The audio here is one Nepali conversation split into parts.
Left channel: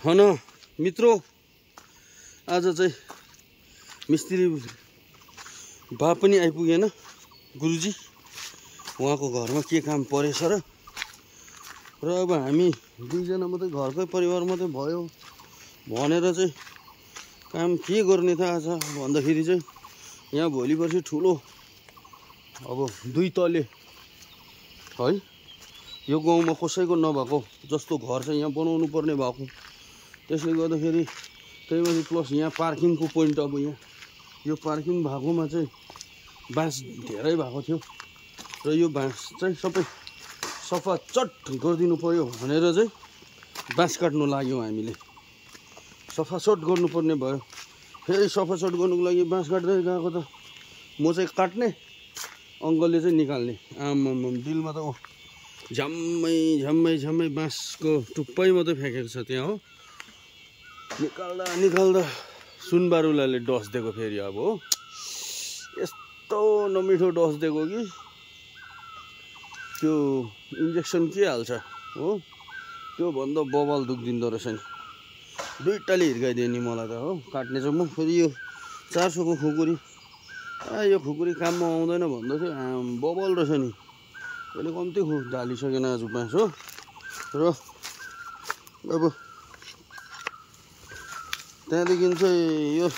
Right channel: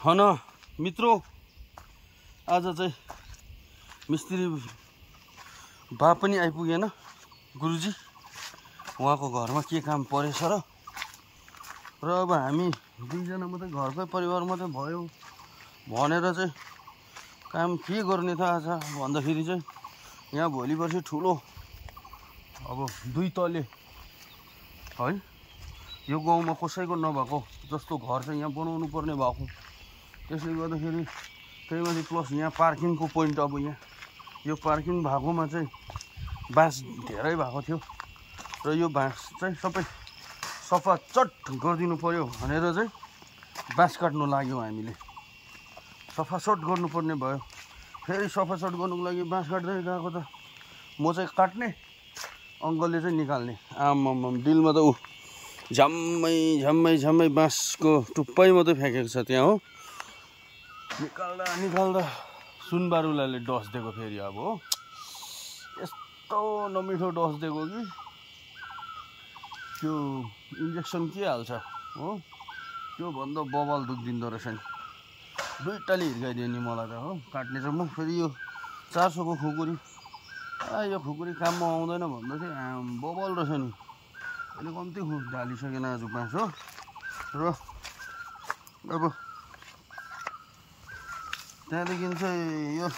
हन मित्रों, आज चाहिँ मिस्त्री बा पनि आइपुगेन। गुरुजी उहाँको घरमा के काम परेछ र अब हामी दुईजना मात्रै घरकै परिवार मात्रै भयो भनेर चाहिँ काम के गर्ने त आज भन्दाखेरि चाहिँ यहाँ भोलि पर्सि ठुलो अब 2 तले है यो गाउँमा कसैको नभएको जस्तो घर चाहिँ यहाँ बनाउनु पर्ने भएको। त्यसले गर्दाखेरि त्यही माथि प्लस यहाँ पार्किङको पोइन्ट अब यहाँ यो पार्किङ भएकोमा चाहिँ बाँस धेरै भएको थियो र यो बाँस चाहिँ सबै सफा चट गरिदिनु पर्यो भनेर चाहिँ बाँस काट्नु लाग्यौँ हामीले। सफा चट गर्नुपर्ने भयो। फेरि सफा चट गर्नुको लागि बाँस काट्दै गएको त म चाहिँ काट्ने, अङ्कलले चाहिँ निकाल्ने। आम्माम दिलमा त ऊ झम्मै बाँसको टुप्पै मात्रै फ्याँकेको छ त्यहाँ हो। निकाल्दा सुनबारुलाले डस दिएको फेरि अब हो। यस्तो नमिठो डस दिएको कि त्यो इन्जेक्सन के हाल्छ हो, त्यो भन्दा बबाल दुख्दिँदो रहेछ नि। 2 टाली हिर्काइदियो नि मलाई त हो। काट्ने चाहिँ म फेरि यो 400 को खुकुरी यो खुकुरी काममा आउँदैन भन्दै थियो। बबल रहेछ नि। अहिले कम्ती ढालिसकेन आज बाँस हो। र अब त्यहाँदेखि चाहिँ यो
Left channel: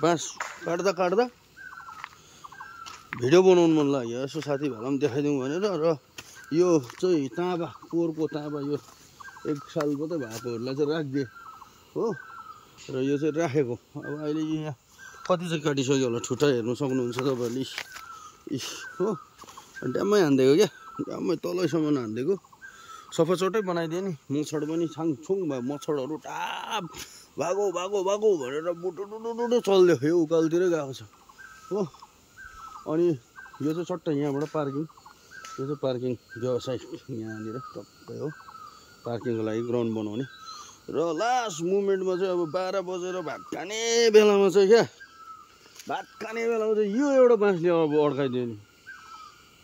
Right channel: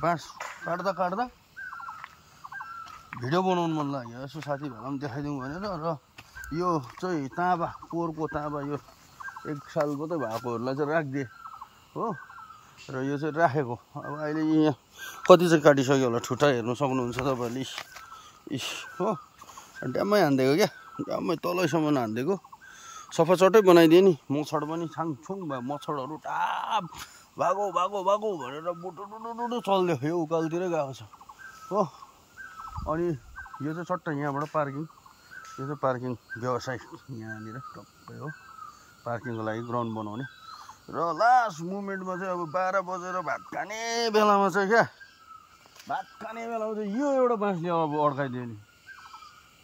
बाँस काट्दा भिडियो बनाउनु मन लाग्यो। यसो साथीभाइलाई पनि देखाइदिउँ भनेर। र यो चाहिँ ताँबा, पोहोरको ताँबा, यो 1 साल मात्रै भएकोहरूलाई चाहिँ राखिदिएँ हो। र यो चाहिँ राखेको। अब अहिले यहाँ कति चाहिँ काटिसक्यो होला, ठुटा हेर्नु सक्नुहुन्छ तपाईँहरूले। इस हो, ड्याम्मै हानिदिएको क्या, ड्याम्मै तलैसम्म हानिदिएको। सफा चटै बनाइदिएँ नि। मच्छड पनि छाङछुङ भयो। मच्छडहरू टाप भागो भनेर बुटुडुडुडु चल्दियो। यो उकालोतिरै गएको छ हो। अनि यो चाहिँ चट्ट यहाँबाट पार्किङ, यो चाहिँ पार्किङ व्यवसाय यहाँनिर टक्कै हो। पार्किङको लागि ग्राउन्ड बनाउने। र लास्ट मुमेन्टमा चाहिँ अब 12 बजेर भात खाने बेलामा चाहिँ यो एउटा बाँसले अब अड्काइदियो नि।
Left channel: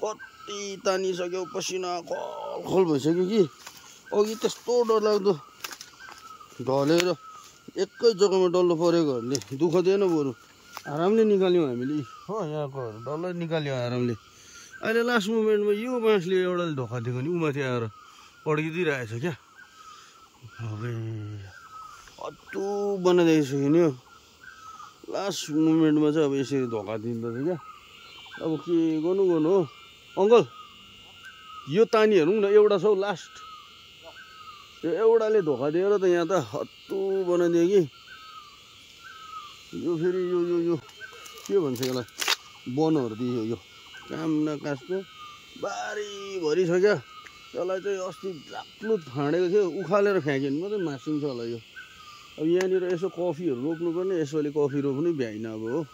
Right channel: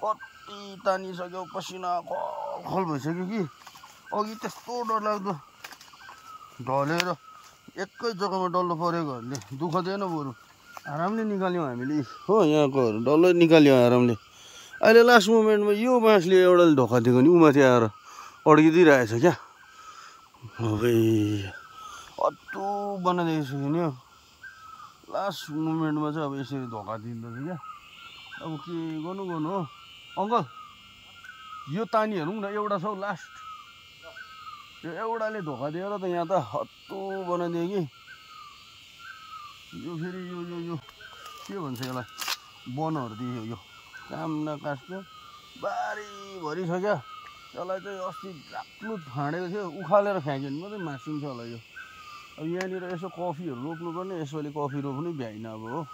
कति तानिसक्यो, पसिना खल भइसक्यो कि अघि त्यस्तो डरलाग्दो ढलेर एकै जग्गामा डल्लो परेकोहरूले दुःख दिएन, बरु आरामले निकाल्यौँ हामीले हो। यहाँकोहरू डल्लै निकाल्यो आरामले। अहिले लास्ट मुमेन्टमा यो बाँसले एउटाले धोका दिएको नि, उमाथि आएर अड्किदिइरहेछ क्या। अबे अत्तु बनाइदिइसक्यो नि हो। लास्ट मुमेन्टमा चाहिँ अब यसरी धोका दिँदैछ क्या। अब के गर्नु हो अङ्कल, यो तानी हेरौँ न। एउटा छ लास्ट, यो एउटाले धोका दिएर त यहाँ त हत्तु बनाइदियो कि। यो फेरि यो के भन्छ यसलाई, बनहरू दियो। यो काम नकास्को बारीभरि छ क्या। यसलाई चाहिँ अस्ति लाक्लुत फाँडेको थियो, उखालेर फ्याँक्यो नि मात्रै मासिन्छ होला यो। अब यहाँनिर यसो कफीहरू रोप्नुपर्ने, यसोले कफी रोप्नु भ्याइन अब हो।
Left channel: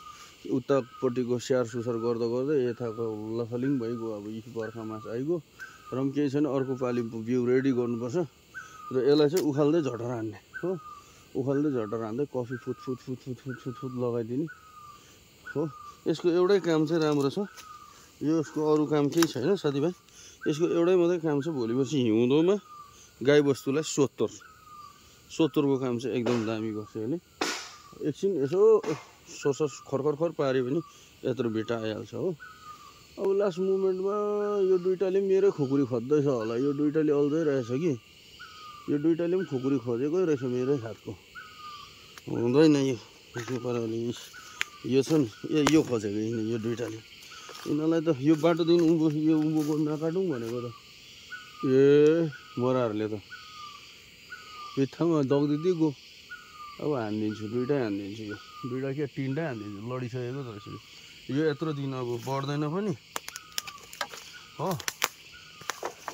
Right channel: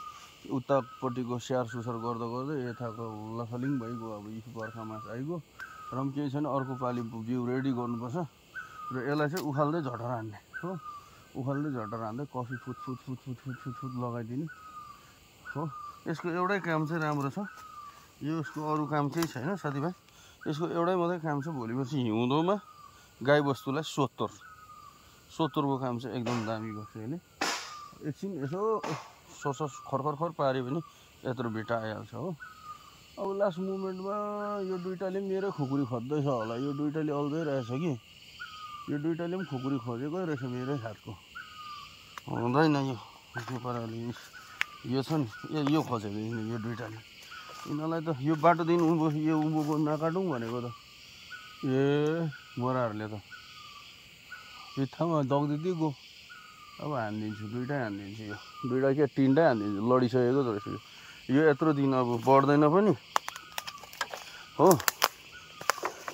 उतापट्टिको स्याहार सुसार गर्दै यताको लथलिङ भइगयो। अब यी बर्खा मास आइगयो र पनि केही छैन। अर्को पालि बिउ रेडी गर्नुपर्छ। र यसलाई चाहिँ उखाल्दै झटर हान्ने हो। उखाल्दै झटर हान्दै कफी फुट लगाइदिने हो। यसको एउटै काम चाहिँ राम्रो छ। यसको अरू काम केही छैन साथीभाइ। यसको एउटै मात्रै काम छ, भोलि पर्सि हिउँदोमा गाईबस्तुलाई सोत्तरको काम चाहिँ एकदम दामी गर्छ यसले। एकछिन यसो सोर्स खर पाऱ्यो भने यत्रो भिटा आइहाल्छ हो। अब लास्ट मुमेन्टमा यो 2 टाले मेरै खुकुरी खोज्दैछ होला। यो 2 टाले अल्झै रहेछ कि। यो 2 टाले पनि खुकुरी खोजेकै रहेछ मेरै हातको। हुँदैन यो पाराले। यो छ नि, यो खोजेको यो 2 टाले। यिनीहरूलाई त यो बाटोदेखि उँभोको नकाटौँ भनेको त मोराहरूले त बित्थामा दग्दिँदै गयो। अब हानिदिन्छु, 2टै हानिदिन्छु। यो 2टा के 3टै हानिदिन्छु। लडिसकेको त रहेछ यो यत्रो दिन अब बढ्दैन पनि हो।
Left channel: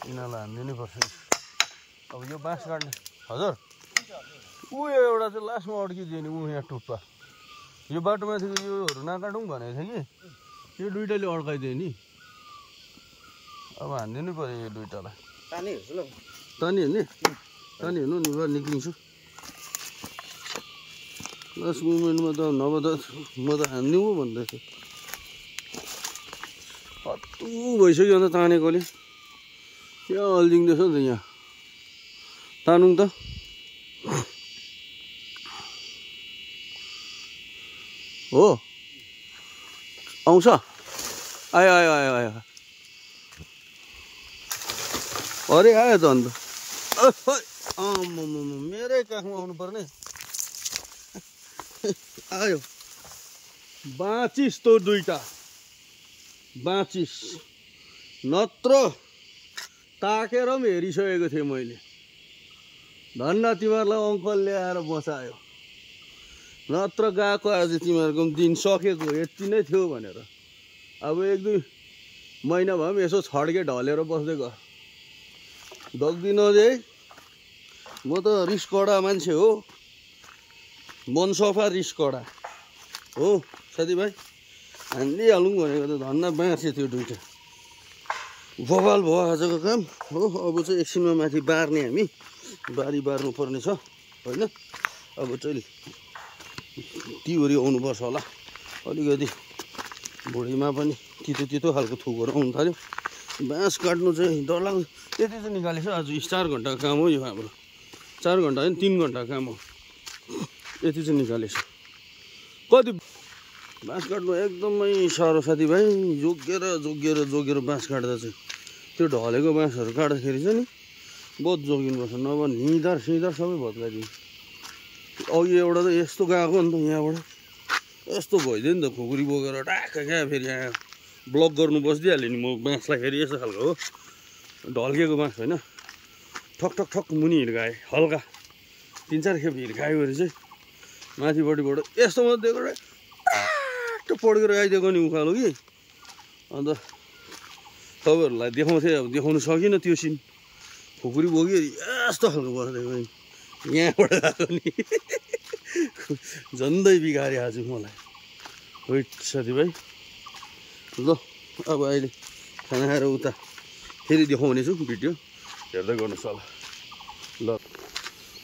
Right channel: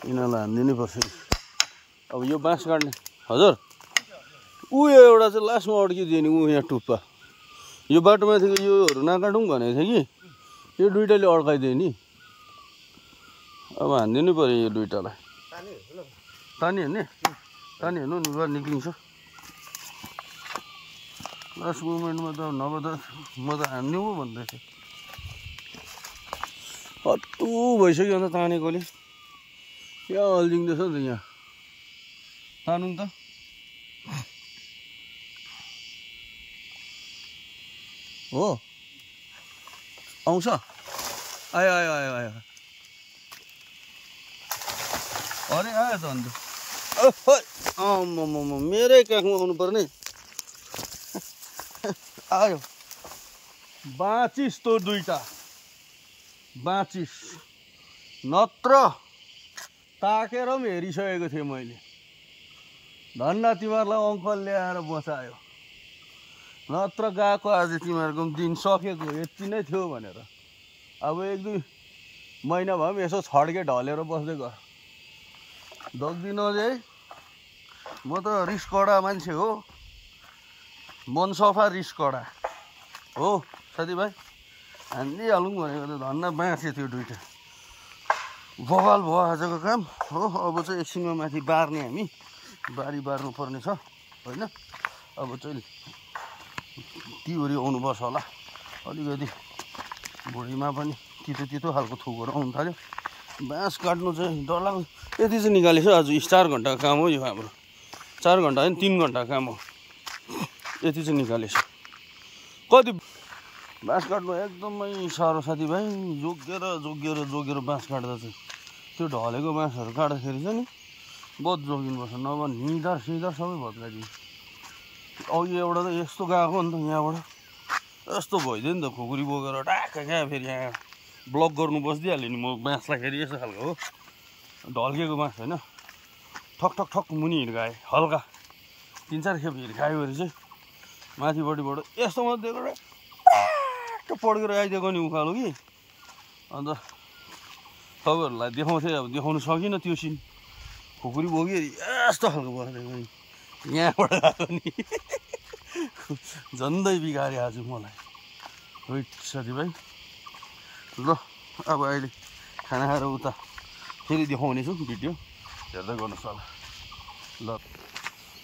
यिनीहरूलाई हानिदिनै पर्छ। अब यो बाँस काट्ने हजुर एउटा चाहिँ लास्टमा अड्किदियो नि यहाँ टुप्पा। यो बाटोमाथिको योहरू नकाटौँ भनेको थियो कि यो 2 टाले अड्काइदियो नि। अब हानिदिनु पऱ्यो यो 2 टालाई। तानी हेर्नु नि बार निक्लिन्छ। लास्ट मुमेन्टमा त नभए त म त हानिदिउँ भन्दै थिएँ। हत्तु भइसक्यो अन्त तानेकोले। यहाँ अल्झिँदैछ नि त यहाँ तानुङ त हो आउँछ आयो आयो आयो आयो अरे आयो त अन्त मेरै काखमा आउनु पर्ने आयो बाँचिस तँ दुईटा बाँचिस नत्र ताकेर पनि हेरिसकेको थिएँ मैले धन्न तिमीहरूलाई अङ्कल ल्याएर बचायो नत्र गएको आज तिमीहरूको दिन सकेको यति नै थियो भनेर अब 1-2 महिना भए पनि यसो छड्के ढलेर बस्दै गर दग्दिनोस् है म त रिस कडा मान्छे हो मन सफा रिस कडा हो साथीभाइ हानिदिइहालौँ भनेको त धन्न बाँचे त्यो दुइटा बवाल भयो आजको काम हो अब चाहिँ एकछिनमा माथि बार्ने हामी बारी बार्नु पर्ने छ होइन अब चाहिँ तिउरी आउनुपर्छ होला अलिकति भुँडीमा पनि तितो तितो खालको थुकहरू आउनु थाल्यो बाँस काट्नु चाहिँ डरलाग्दो त्यति चाहिँ निकालेछ आज 4 घन्टाको काम हो यो हाम्रो 4 घन्टा होइन 3 घन्टाको काम हो यति चाहिँ निकालेछ कति बाँस काट्नु एकदमै साह्रो साथीभाइ जोगेर बाँस काट्दा चाहिँ त्यो ढलेको बाँसहरू काट्दाखेरि चाहिँ नि बहुत जोगिनुपर्छ नभए निधार सिधार सबै भत्काइदिन्छ अघि एउटा त यस्तो गएको नि त यहाँबाट यस्तो भइदियो नि त खुकुरी बोकेर ट्याक्क क्या फेरि यहाँ ब्लक गर्नु बसिदिइहाल्यो नि म बाँसलाई फेरि यस्तो खालको हो ढल्केको बाँस होइन ठक ठक ठक मुनि हिर्काएँ हल्का 3-4 खेप हिर्कायो भने चाहिँ माथिपट्टिबाट यस्तो मात्रै दिएको ट्याक्क पड्केर आइदिएको नि उकालो कि अन्त तपाईँहरूलाई देखाउँथेँ अब देखाउनु सकिनँ त्यो सिन खुकुरी बोक्यो यस्तो खालको बसिदिएको नि यहाँबाट गएको नि झन्डै बिगारे आज मलाई वेट साथीभाइ ल अब अहिले खाना खाएर उता फेरि देखाउने छु भिडियो हेर्दै गर्नुहोस् होला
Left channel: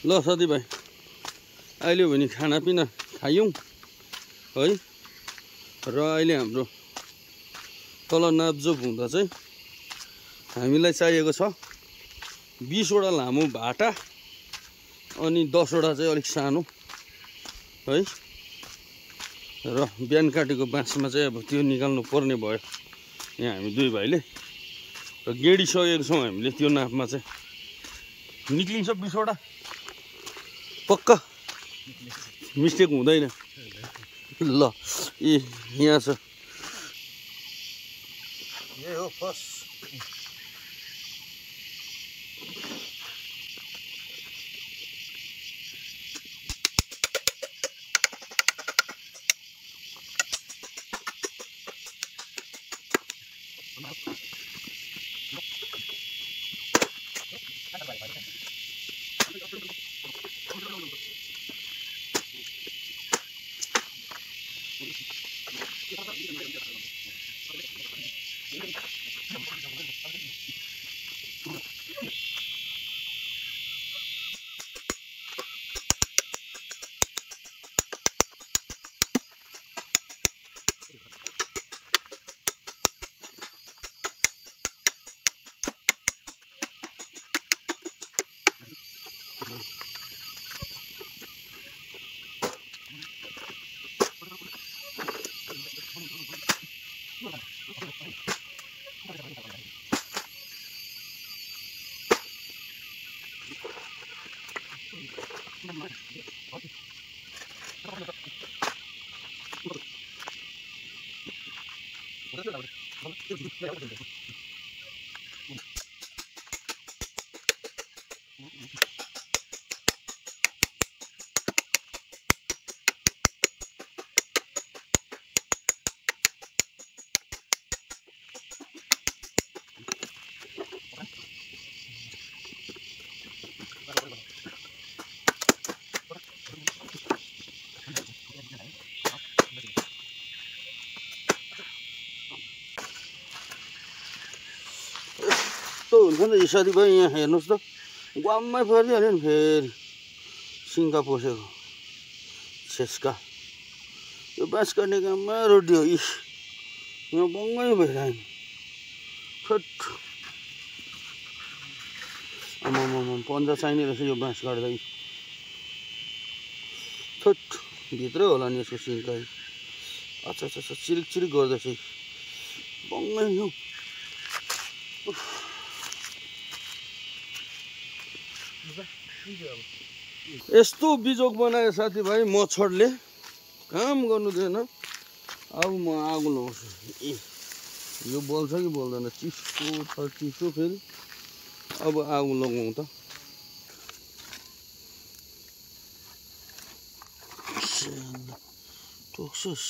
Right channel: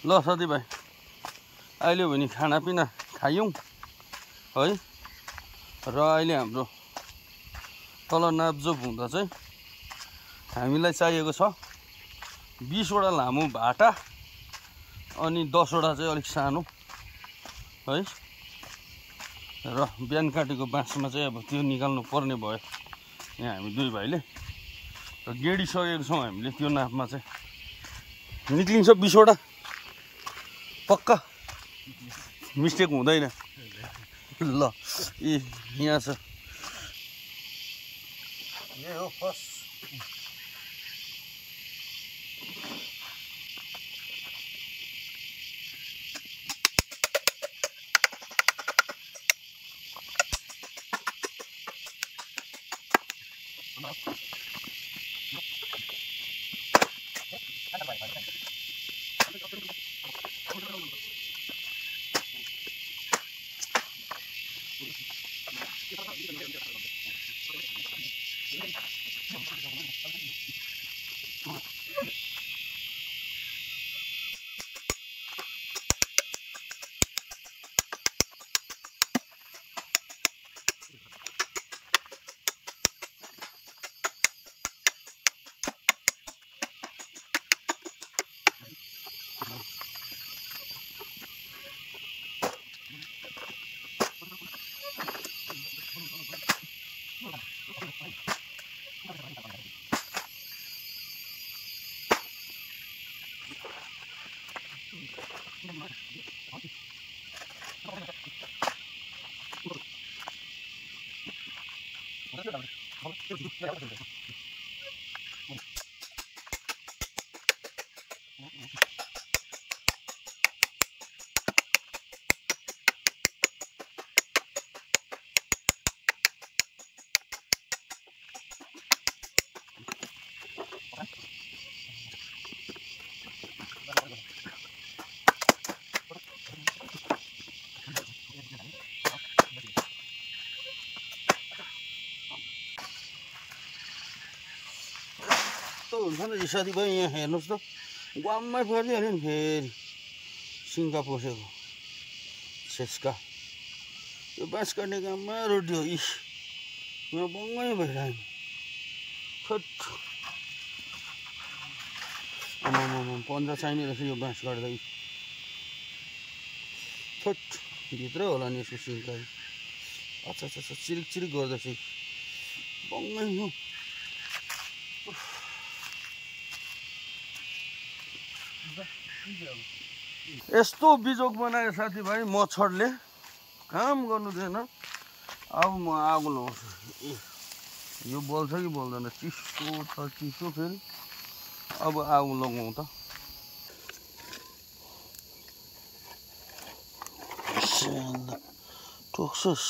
ल साथीभाइ अहिले भने खानापिना खायौँ है र अहिले हाम्रो तल नाप्जोप हुँदा चाहिँ हामीलाई चाहिएको छ 20वटा लामो भाटा अनि 10वटा चाहिँ अलिक सानो है र बिहान काटेको बाँसमा चाहिँ अब त्यो निकाल्नु पर्ने भयो यहाँ हामी दुई भाइले र गेडिसकेको छौँ हामीले त्यो नापमा चाहिँ निक्लिन्छ 20वटा पक्का मिस्टेक हुँदैन ल यहाँ छ यही हो फर्स्ट हुन्छ नि साथीभाइ यहाँ हेर्नुहोस् त ग्वाममै परिहाल्यो नि फेरि सिङ्का पसेको छेस्का यो बाँस काट्ने काममा रोडियो इस यहाँ बङ्गै भइरह्यो नि आमामाम पन्जा चाहिने रहेछ यो बाँस काट्दै। थुट भित्रै होला नि यसको सिन्काइ। अच्छा अच्छा अच्छा चिरिक चिरिक गर्दैछ बङ्गै हो। यस्तो बिजोग बनायो साथीभाइ मच्छरले काम गर्नु दिएन। अब म आगो लगाउँछु। ए यो बल्छ कि बल्दैन चिसो छ चिसो फेरि। अब आगो लगाउँ त। टोक्छस्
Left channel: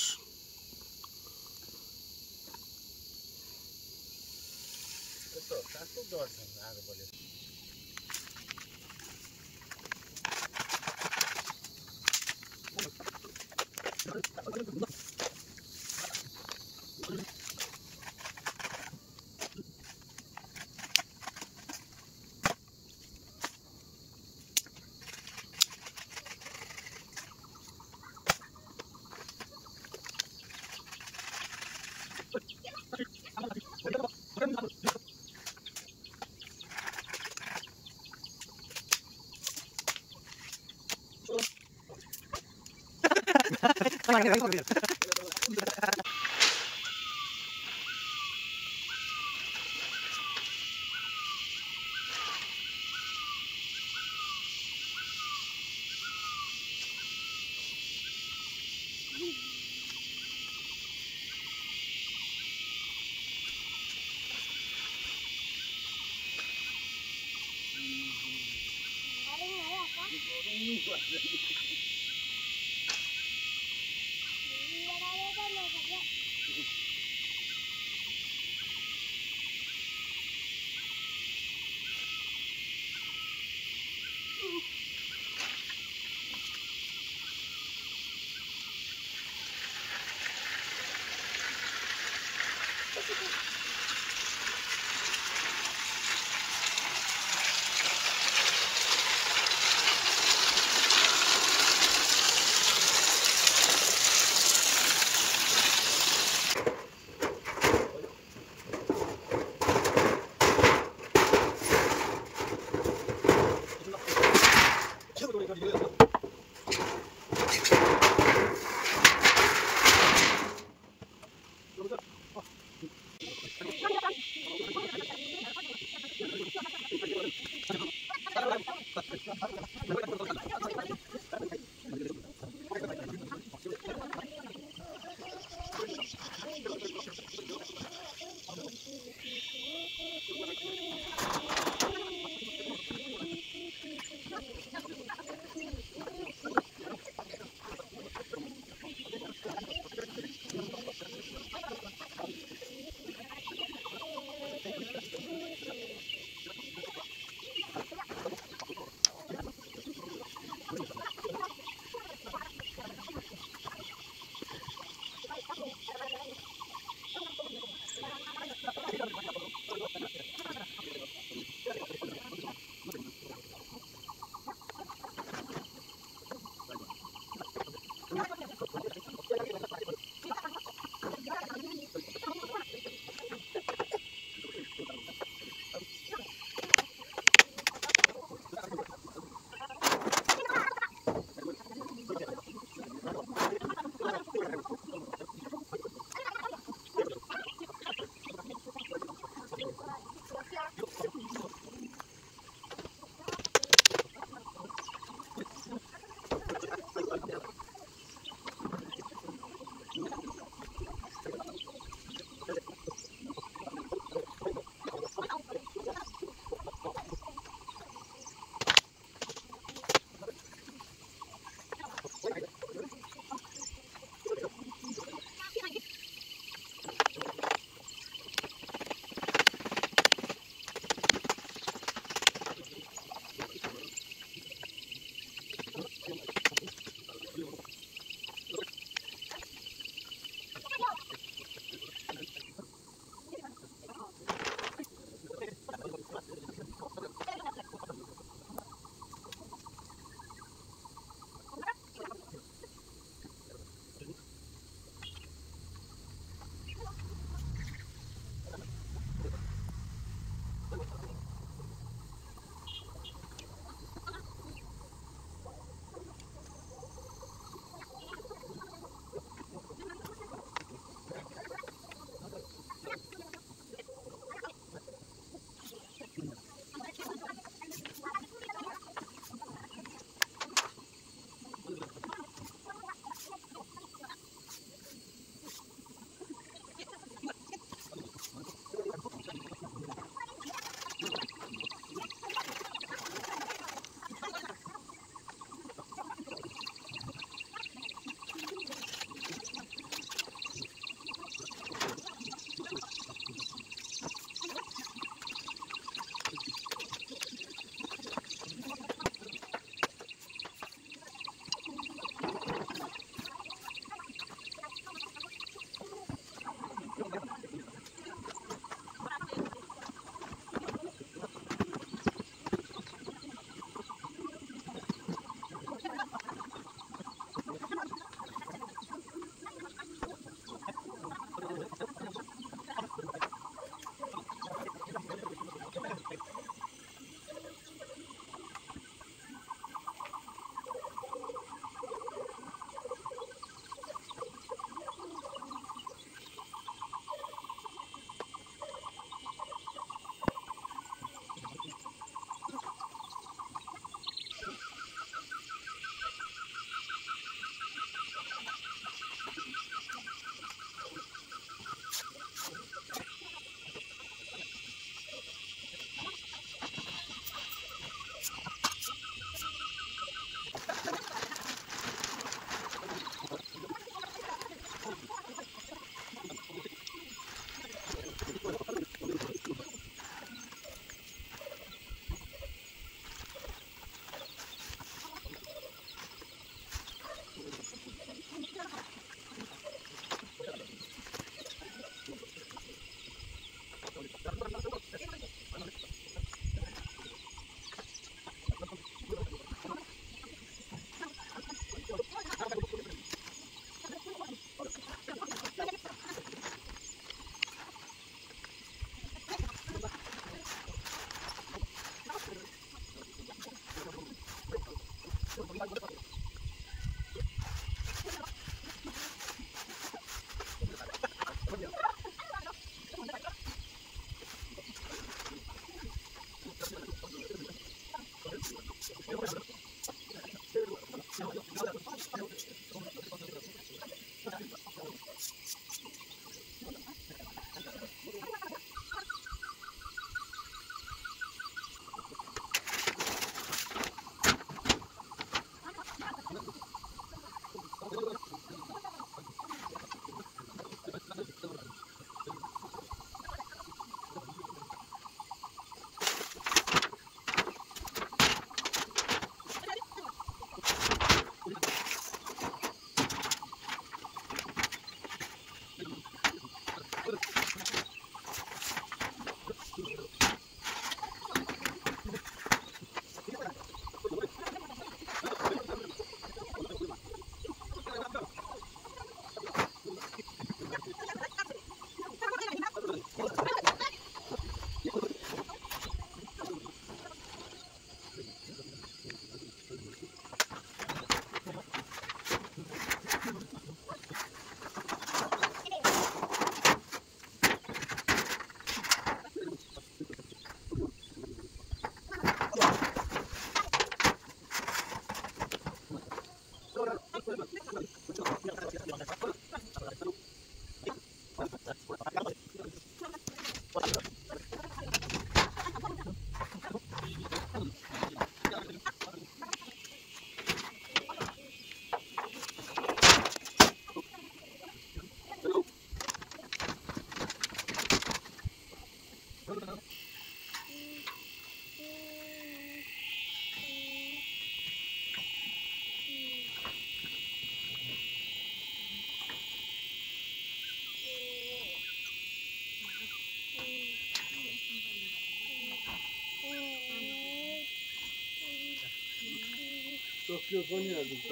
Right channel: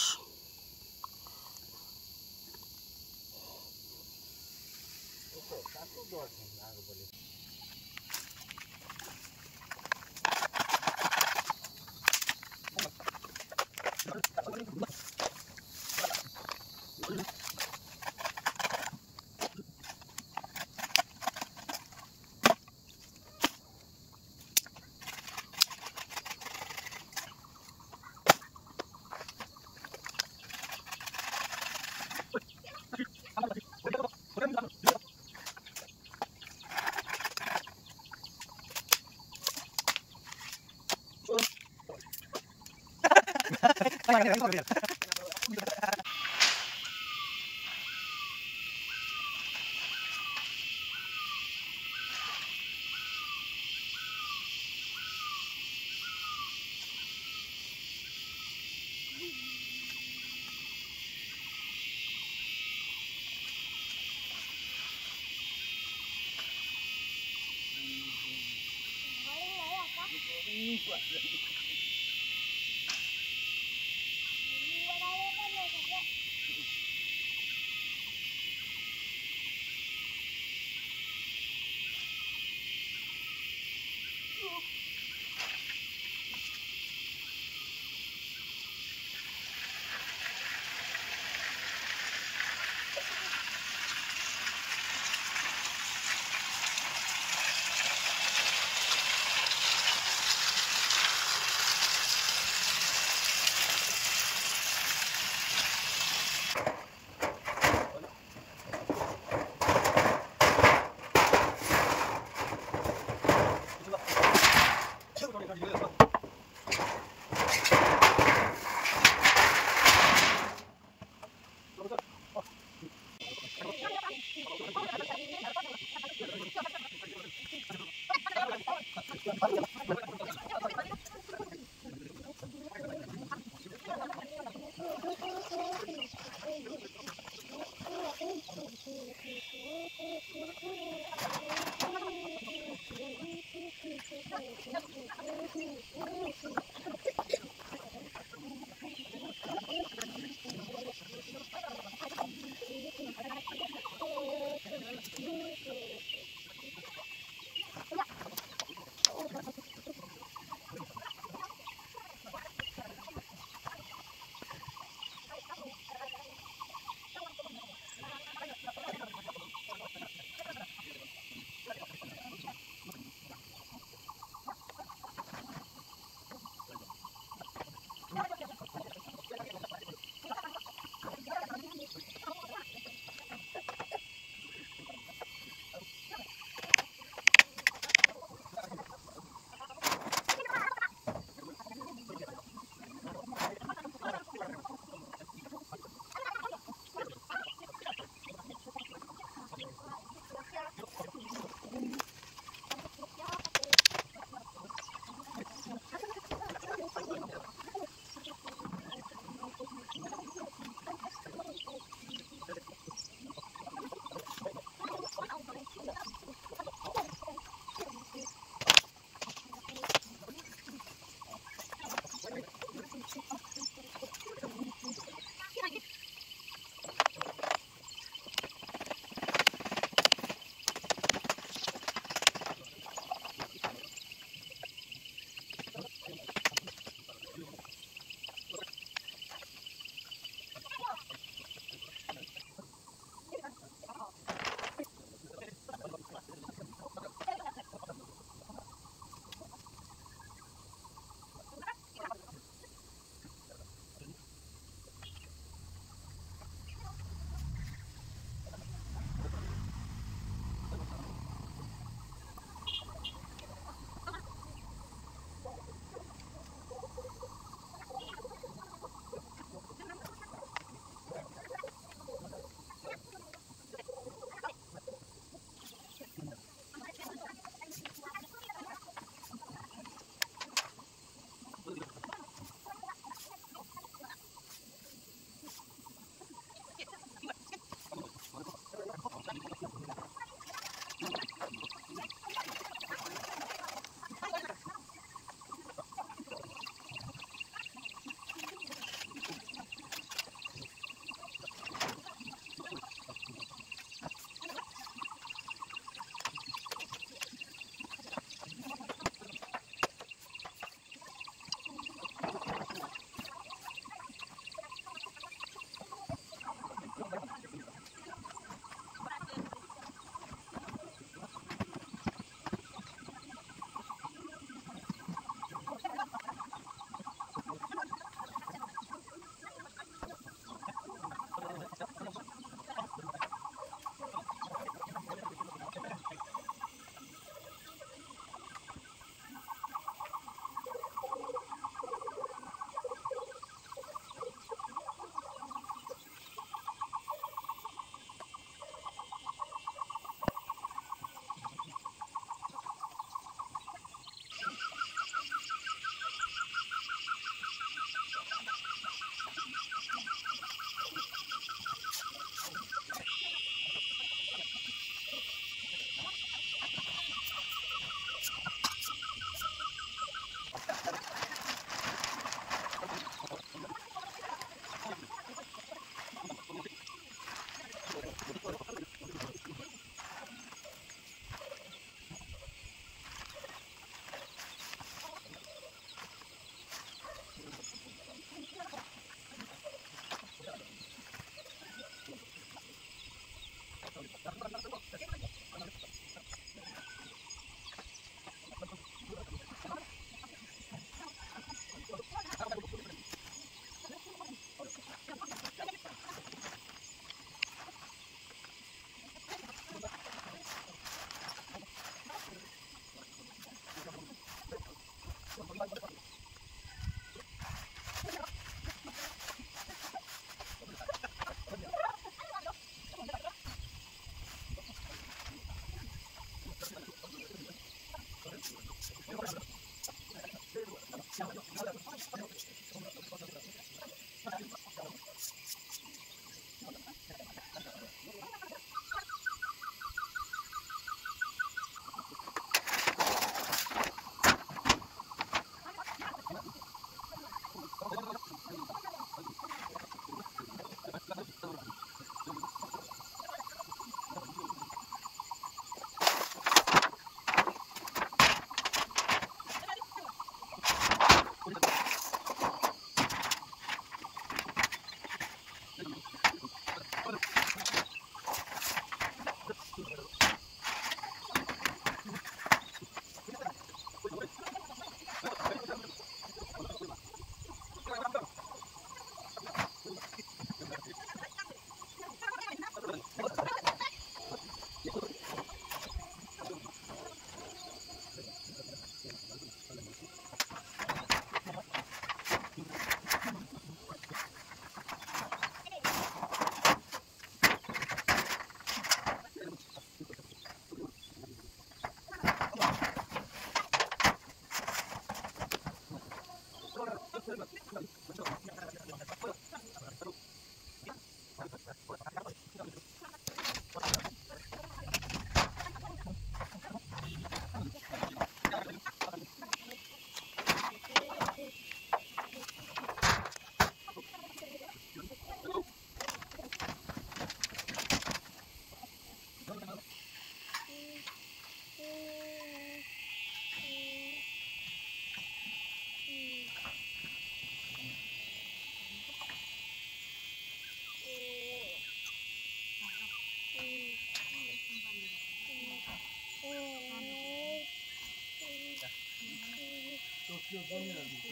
सक्यो पनि हाल्छ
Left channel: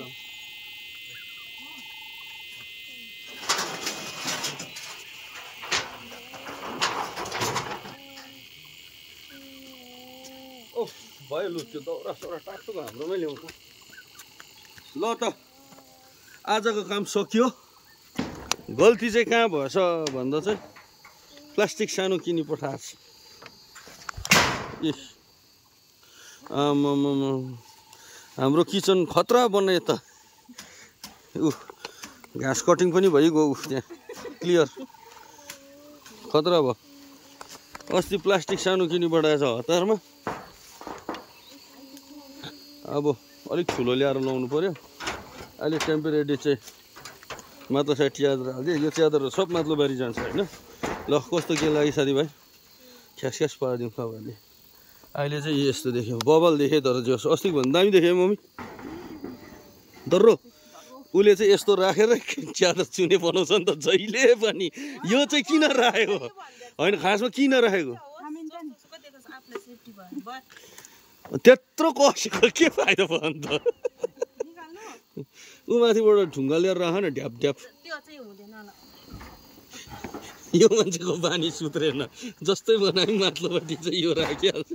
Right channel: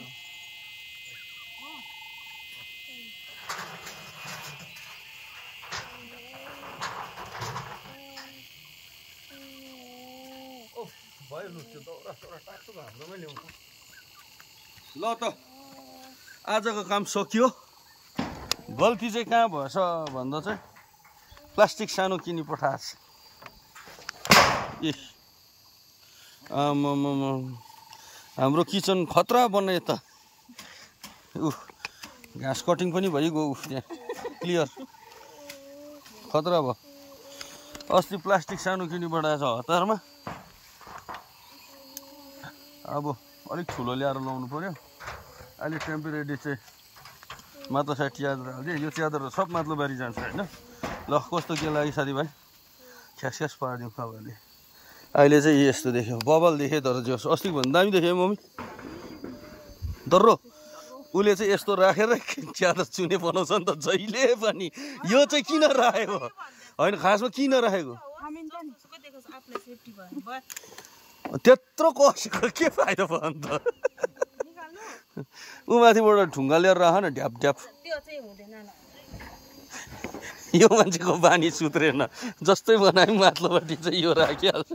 भयो लु त्यो दौरा सौरा टाक्टुको हाम्रोमै ल्याउँछ ल त आजको काम सकियो गल्ती चाहिँ कहाँ भएछ भन्दा चाहिँ प्लास्टिक सानो किनी पठाएछ ए हाम्रो किचन खतरा बनायो त घाँस कटिङ पनि भइगयो त्यहाँ क्लियर खतरा भयो अस्ति प्लास्टिक सानो किनी पठाएछ हतारमा अब अलिक ठुलो ल्याएर लाउनु पर्यो अहिले टेम्परेरी चाहिँ माथि साइड च्यादर हालिदियो यो च्यादर सब माथिल्लो बारी जान्छ होइन ल कस्तो के लाग्यो साथीभाइ ख्यास पारिदिउँ तपाईँहरूले अहिले चाहिँ यस्तो देख्यो बबल देखेँ तर जो अस्तिको भन्दा दामी देखेँ मम्मी दर्रो उसले चाहिँ यस्तो राखेर च्यादर चुने बनाउँछ नि त जहिले पनि यो चाहिँ किन राखेको होइन खासमा किन राखेको त्यत्रो कसेको के फाइदा भयो अन्त ऊ माथिबाट ढुङ्गा लिएर राख न ढ्याप ढ्याप यो मान्छेको बानी सुत्रेन जस्तै बनायो माथिल्लोपट्टि चाहिँ यो राखिहाल्छ